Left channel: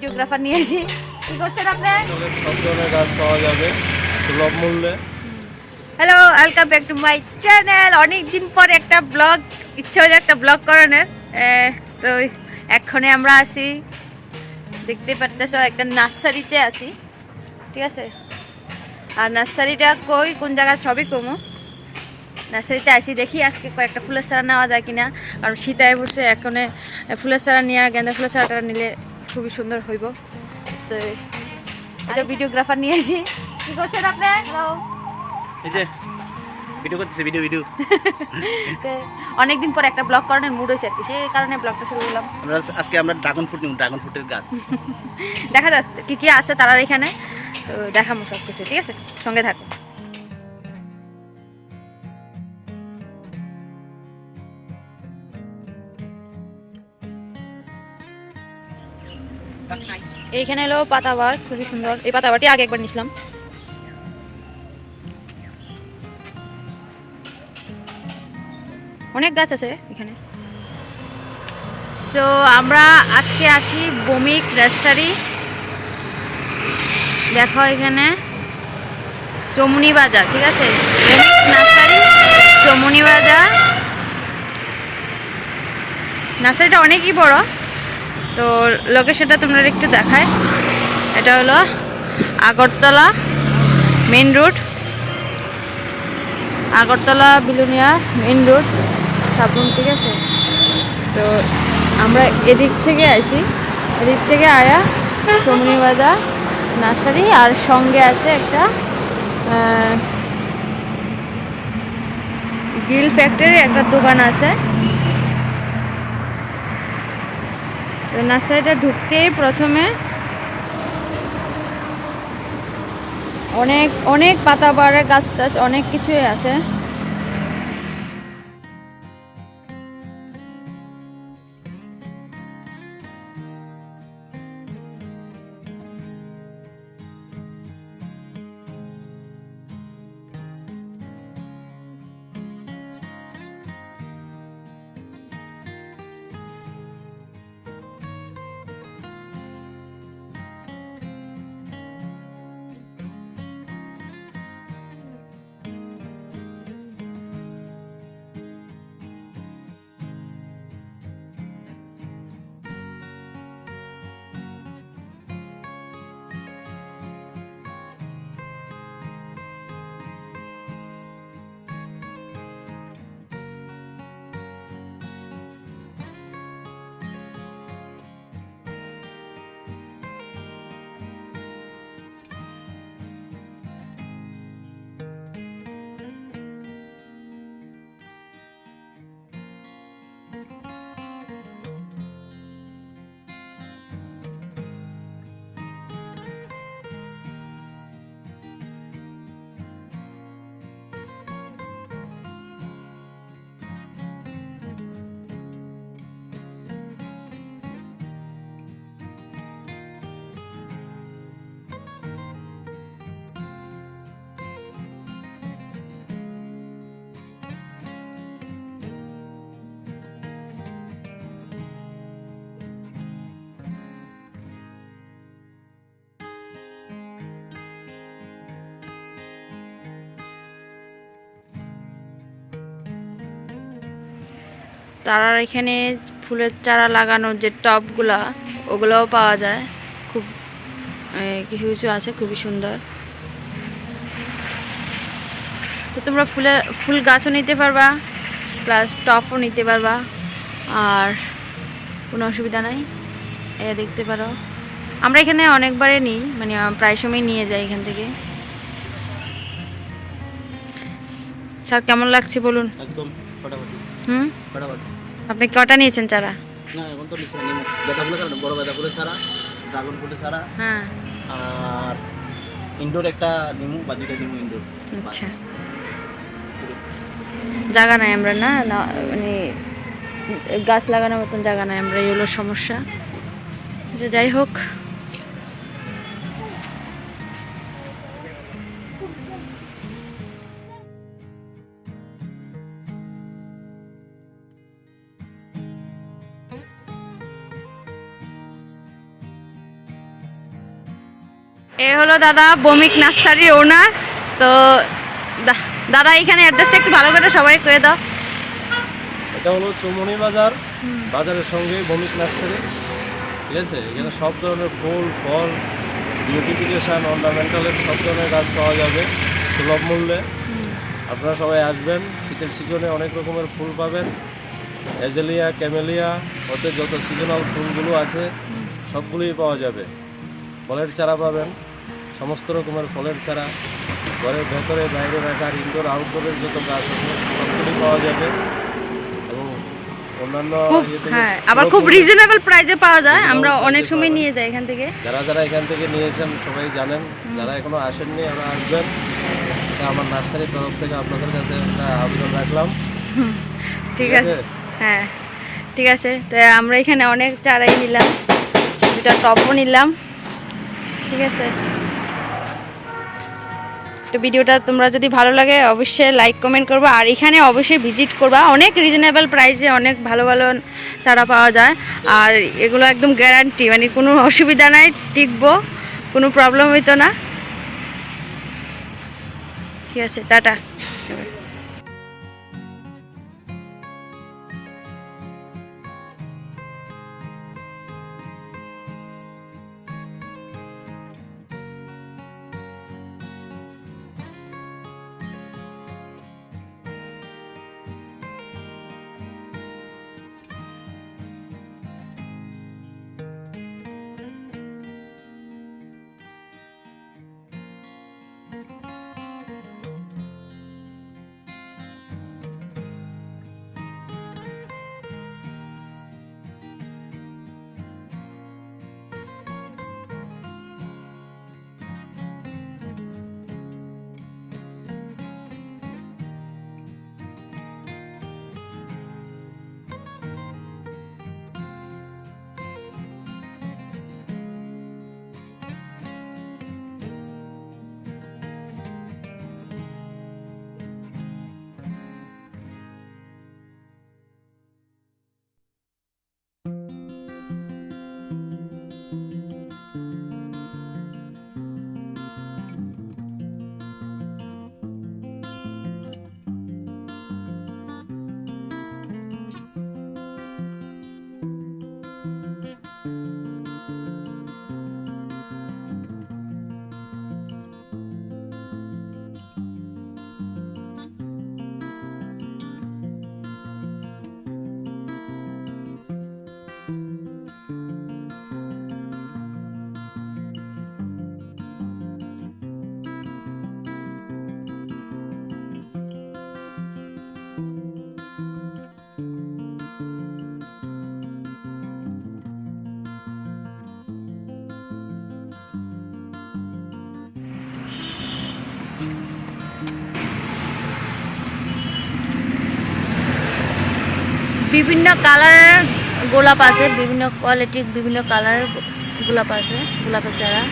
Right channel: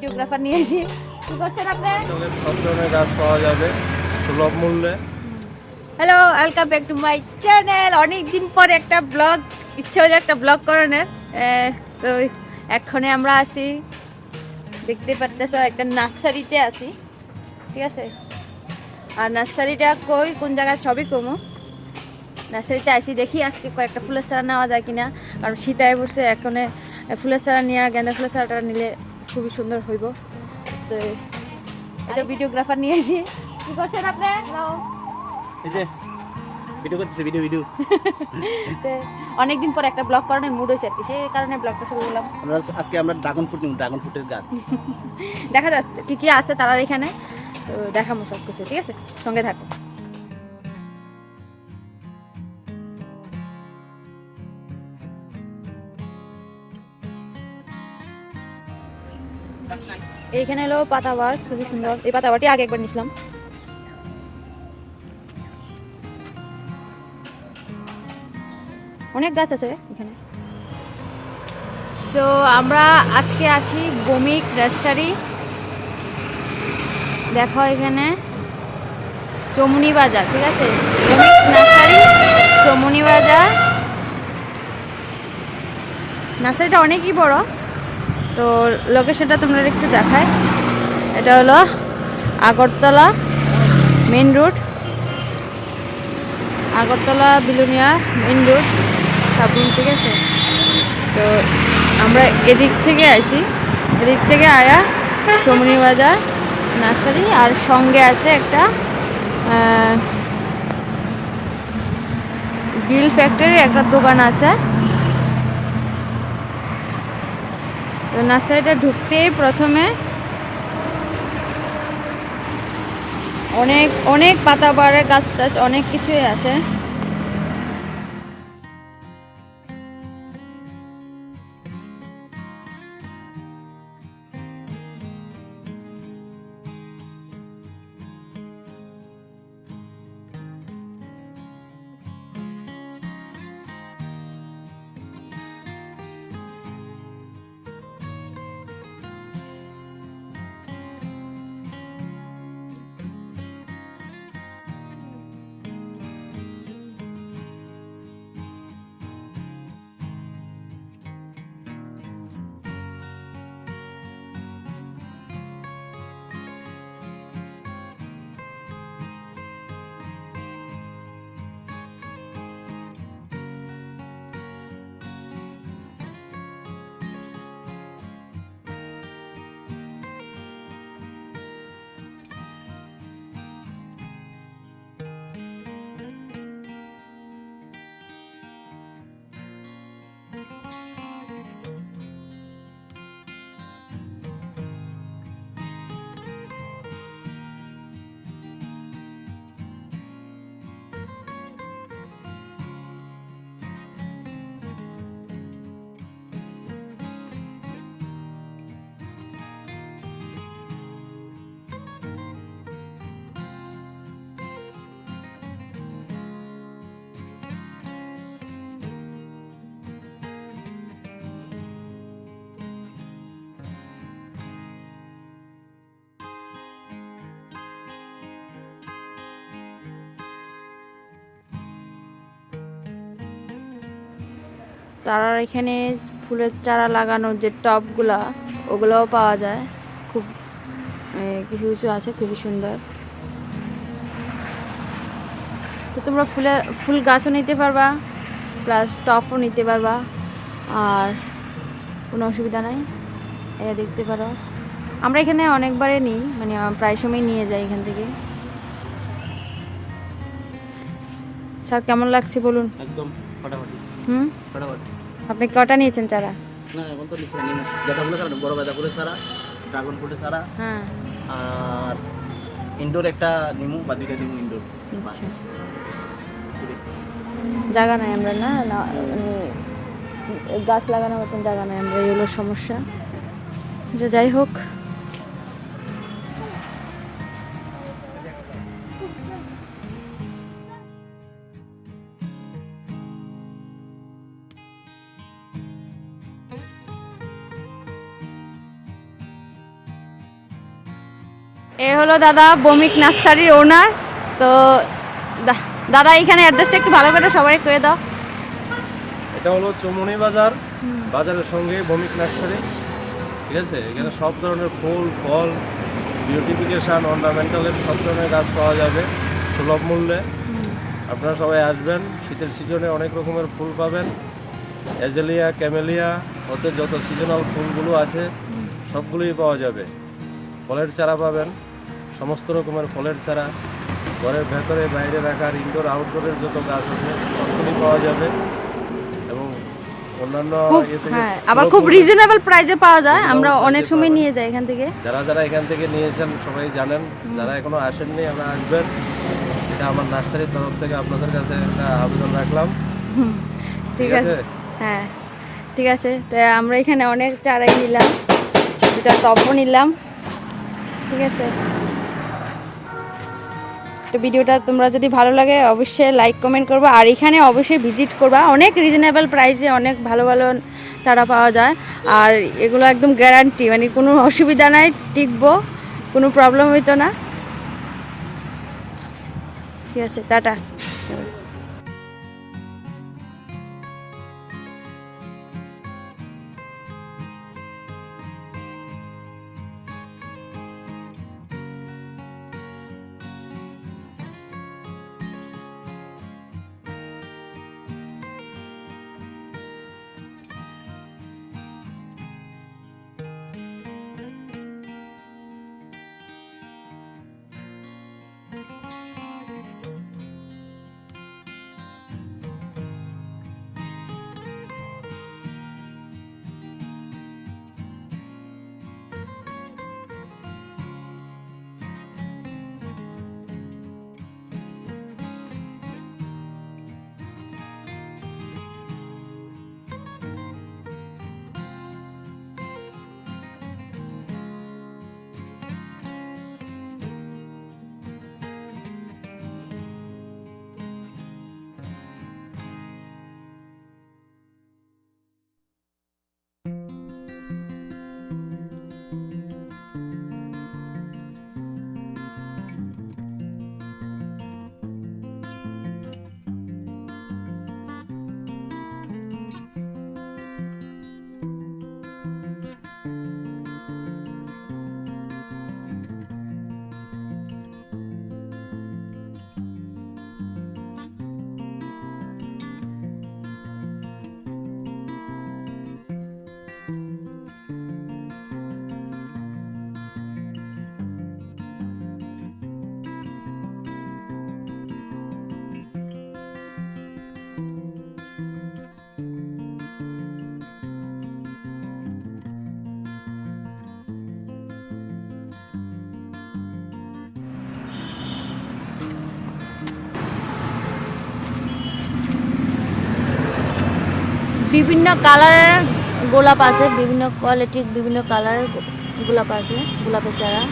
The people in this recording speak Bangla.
ভিডিওগ্রাফার নিয়ে এসে কি করছেন আপনি? সব ধরনের গাছ পাওয়া যাবে সুলভ মূল্যে। Hello, welcome back to my channel. অনেকদিন পর একটা ব্লগ, ইচ্ছা হলো একটা ব্লগ করানোর। তো এক্ষণে আমরা আছি, দেখতে পারতেছ, একটা নার্সারিতে আছি, ঠিক আছে? আর নার্সারিটা কোন জায়গায় সবই কমো। নার্সারিতে আসি, দেখি আজকে কয়েকটা ফুলের চারা নেওয়া যায় কিনা, কারণ শীতায় পড়ছে। এখনে ফুলের চারা নিয়ে, গেঁদা ফুলের চারাটা নিলে খুবই সুন্দর হইব। তো এটা ভিডিওগ্রাফার নিয়ে আসি। কি করছেন আপনি? এই যে ভিডিও করতেছি, ভিডিও অনেকদিন পর একটা ব্লগ করানোর মুড হয়েছে আর কি, সেই কারণে ব্লগটা শুরু করলাম। আজকে আমরা ড্রাগন ফ্রুট নিব, ড্রাগন ফ্রুটের গাছ। দেখা যাক কি কি আছে তারার এখানে, তো দেখাবো সব কিছু, ঠিক আছে? সঙ্গে থাকো। এইখানে এলো পাতাবার, খুবই সুন্দর। এই পাতাবারটি আগে একবার নিছিলাম। অনেক গাছ আছে এখানে। সো আমরা আজকে আছি বমিক নার্সারি। দেখো এখানে চমুনি বাজার, ঠিক আছে? বমিক নার্সারি, চমুনি বাজার। নার্সারিটা অনেকই বড়, তো লোকেশনটা তোমরা একটু দেখায়। এটা হলো Agartala main road, Agartala Belonia main road Sabroom, ঠিক আছে? তো আমরা এদিক থেকে আসি, এদিক থেকে আয়া চমুনি বাজার নার্সারি, আর সঙ্গে আছে একটা গ্রিল ফ্যাক্টরির একটা দোকান আছে। তো নার্সারিটা ঢুকতেই প্রথমে অনেক অনেক পাতাবাহারের গাছ টাছ অনেক কিছুই আছে। তারার এখানে ফুলের চারা লাগানোর যে টবগুলা, ওগুলোও পাওয়া যায়। খুব কিছু কিছু আছে, খুবই সুন্দর। তো তোমরা ফুল গাছও নিতে পারবা, প্লাস টবও নিতে পারবা, আর কোনো অসুবিধা নাই। এটা দেখতে পারো। আমরা এখানে অনেকবারে নিই, মানে প্রায় সময় নিয়ে যাই এখান থেকে। স্যার কেমন লাগছে বলুন? একদম ফটাফট। ফটাফট। আপনি কটা নিয়েছেন চারা? না, এখন তো নিশ্চয় নিব। গাঁদা ফুলের চারা, বড় গাঁদা ফুলের চারা, ড্রাগন ফ্রুটের চারা, হ্যাঁ। আর ইনডোর একটা নিমু, বা দুইটা নিমু ইনডোর। আচ্ছা, জায়গা নাই আমরা, না মানে গাছ লাগানোর মতন জায়গা নাই আমরা, এই হলো সমস্যা। যে যাই হোক, এ হলো দাদা বমিক নার্সারির ওনার। তো দাদা এখানে অ্যাড্রেসটা একটু ভালো করে সবাই করে দাও। এটা হলো চৌমনি বাজার, বাজারের সঙ্গে বমিক নার্সারি, ঠিক আছে। এখানে সব ধরনের ফুল ফল, বিউটিফিকেশান, অর্নামেন্টালের সব ধরনের গাছ পাওয়া যাবে সুলভ মূল্যে। আপনারা সবাই আসবেন, শীতের সিজনে অনেক রকমের ফুল পাবেন, অ্যাজেলিয়া, ক্যামেলিয়া, ওতে যত সিজনাল ফুলগুলো আছে সবগুলোই পাওয়া যাবে। ফলের চারা পাবেন, সমস্ত রকমের ফলের চারা, ঘরের ভেতরে বাইরে রাখার ইনডোর আউটডোরের যত গাছ আছে সবগুলোই পাওয়া যাবে। এবং অন্যান্য হ্যাঁ, আবার খুব রিজনেবল প্রাইসে পাওয়া যায়। আমরা অনেক সময় নিয়ে যাই এখান থেকে। যারা যারা এখান থেকে নিয়েছেন সবাই জানেন, যারা এখনো আসেননি ওরা আসবেন। এটা আমার নার্সারির তরফ থেকে আপনাদের কাছে একটা আবেদন রাখলাম। ঠিক আছে, হ্যাঁ ঠিক আছে। তো আমরা এখানে অনেক চারাই নিলাম, দুটা টপও নিলাম, ঠিক আছে। তো ভিডিওটা তোমরা যদি ভালো লাগে অবশ্যই লাইক কমেন্ট করবা, আর এখানে অবশ্যই ভিজিট করবা। অনেক রিজনেবল প্রাইসে অনেক ভালো ভালো চারা পাওয়া যায়, আর এগুলো একদম গ্যারান্টি, মানে কোনো অসুবিধা নাই, টিকবো, কোনো প্রবলেম হইতো না। ঠিক আছে, টাটা। বিভিন্ন কালারের গোলাপ আছে, বিভিন্ন কোয়ালিটির বিভিন্ন কালারের গোলাপ আছে, গোলাপের চারা।